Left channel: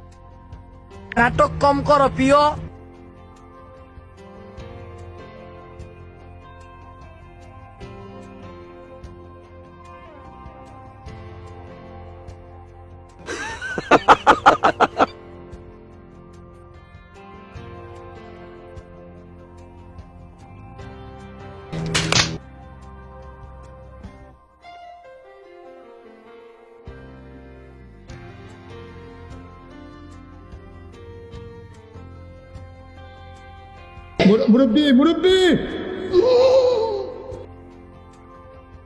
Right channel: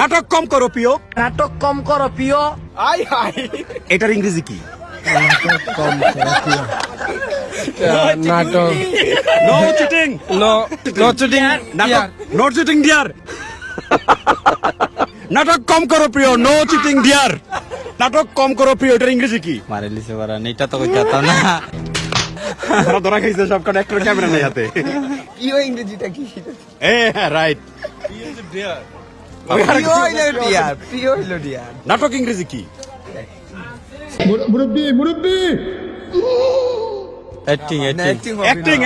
নাটক কম করো প্রিয়। নাটক কম করো প্রিয়। এটার ইংরেজি কি? নাটক নো চিটিং। No cheating. নাটক নো চিটিং ডিয়ার। নাটক কম করো প্রিয়, নো চিটিং ডিয়ার। নাটক কম করো প্রিয়, এটার ইংরেজি কি? মারে লিসে বারা নেটা তো কইতা না। তারা ধরা খাইছে সব কটা, একটা ক্যামেরা নেই হাতে। প্রিয় ইংরেজিটা কি? রাইট। প্রিয় হইলো ডিয়ার, প্রিয় হইলো ডিয়ার। নাটক ইংরেজি কি? অ্যাক্টিং অ্যাক্টিং অ্যাক্টিং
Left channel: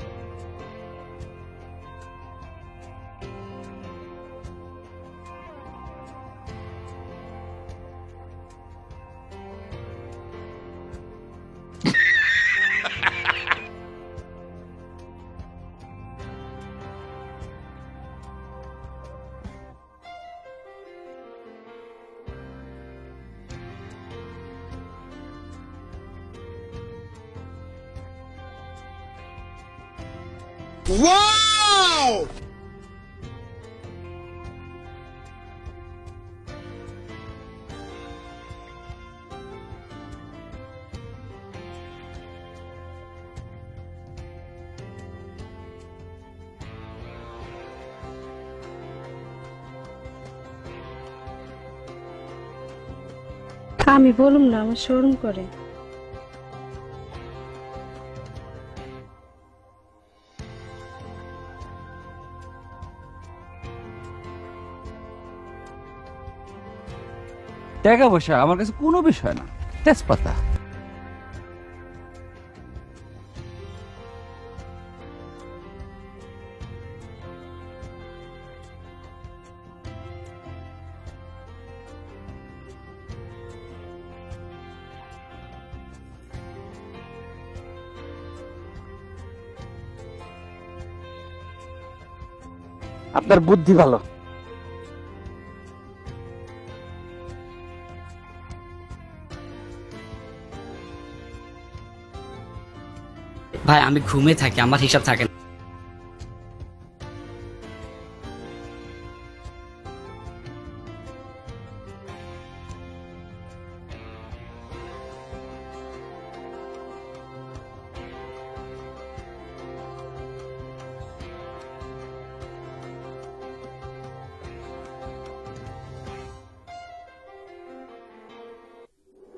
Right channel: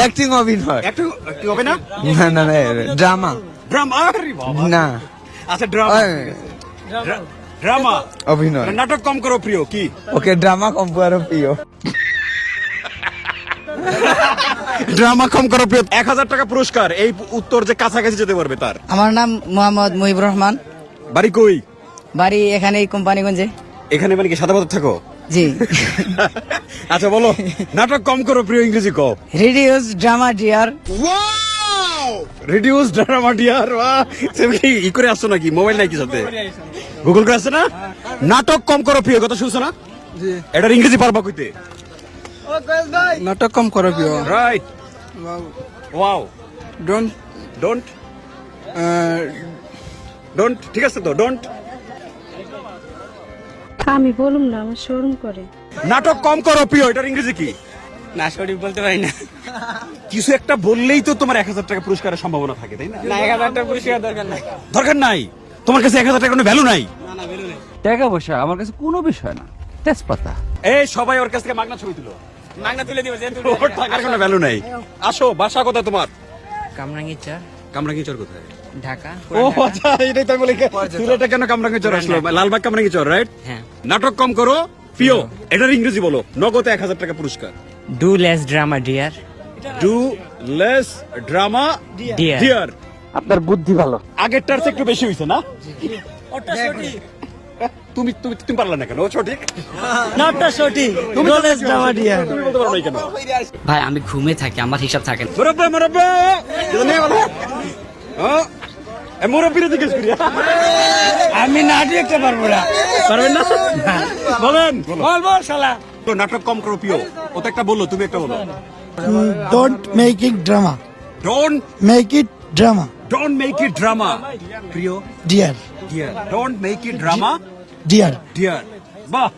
অ্যাক্টিং অভিনয়। অ্যাক্টিং হবে না? না না না ড্রামা ড্রামা। আরে বাবা। না আচ্ছা ড্রামা। ড্রামা অভিনয়। নাটক কম করো প্রিয় কি? ওকে ড্রামা কম করো প্রিয়। ড্রামা কম করো প্রিয়। 1000 টাকা পুরস্কার। এই উত্তর যে কাছাকাছি যেতে পারবে তার। আমার নাম মোহাম্মদ মুহিবুর রহমান, বাড়ি কই? বাড়ি এখানে কোম্পানিগঞ্জে। এখানে মানে কি সাদা পাথর থাকো? জি। আচ্ছা বলো, নাটক কম করো প্রিয় ইংরেজি কও। Reduce drama dear. Reduce drama dear. তুমি কি ই করে আসছো নাকি? মোবাইল নাই কি সাথে? গুগল করে আসছে না? নাটক কম করো প্রিয়, কথা শুনছো না? জি। এটার ইংরেজি পারবা কইতে? নাটক কম করো প্রিয়। Right. Wow. Don't don't don't ঠিক আছে তো, ডোন্ট। আমি বলুম না, আমার শোরুম করে। নাটক কম করো প্রিয়, এটার ইংরেজি কি? না সঠিক বলতে পারি না। কিছু একটা বললেই তো তোমার 1000 টাকা পুরস্কারের সম্ভাবনা থাকে, তাই না? না 1000 টাকা পুরস্কার দরকার নাই। দরকার নাই। তোমার কাছে 1000 টাকা কোনো ভ্যালু নাই। টাকা পয়সা আমার কাছে কোনো বিষয় না, তেজপাতা। এই সবাই ওর কাছ থেকে মাগনা ছবি তুলো। মাগনা তুলে দিও যেন ওর টাকার কোনো ভ্যালু নাই। আসো, বাসা কোথায় তোমার? কামরাঙ্গীরচর, কামরাঙ্গীরচর কোথায়? ঢাকা। ও আচ্ছা, এটাই তো আমি বলি সিলেটে কেন কামরাঙ্গীরচর আসলো? লালবাগ কামরাঙ্গীরচর, রাইট? হ্যাঁ। নাটক কম করো প্রিয়, এটার ইংরেজি বলো। নগদে 1000 টাকা পুরস্কার। Do less drama dear. Do less drama dear. Dear. আপনার বুদ্ধি ভালো। আগেরটার চেয়ে একটু বেশি হইছে না? তুমি তুমি তুমি পারলা না কেন? ও সঠিক। নাটটা সঠিক। তুমি ডু লেস ড্রামা ডিয়ার। তুমি বলতে পারো না কেন? ভাই আমি ঘুমে থাকি, আমার হিসাব থাকে না। মুরব্বি মুরব্বি এটা নেই বলো। হ্যাঁ, এ মুরব্বিরে জিজ্ঞেস করি। আমি নাটক একটা পারবো না। পারবেন না? বলেন। বল বল শালা। তো নাটক কম করো প্রিয়। ও তো একটা বললো, তুমি একটা বলো। Don't make it drama. Don't Make it drama, make it drama প্রিয়। dear. Dear, don't make it drama Dear. Dear. বাহ।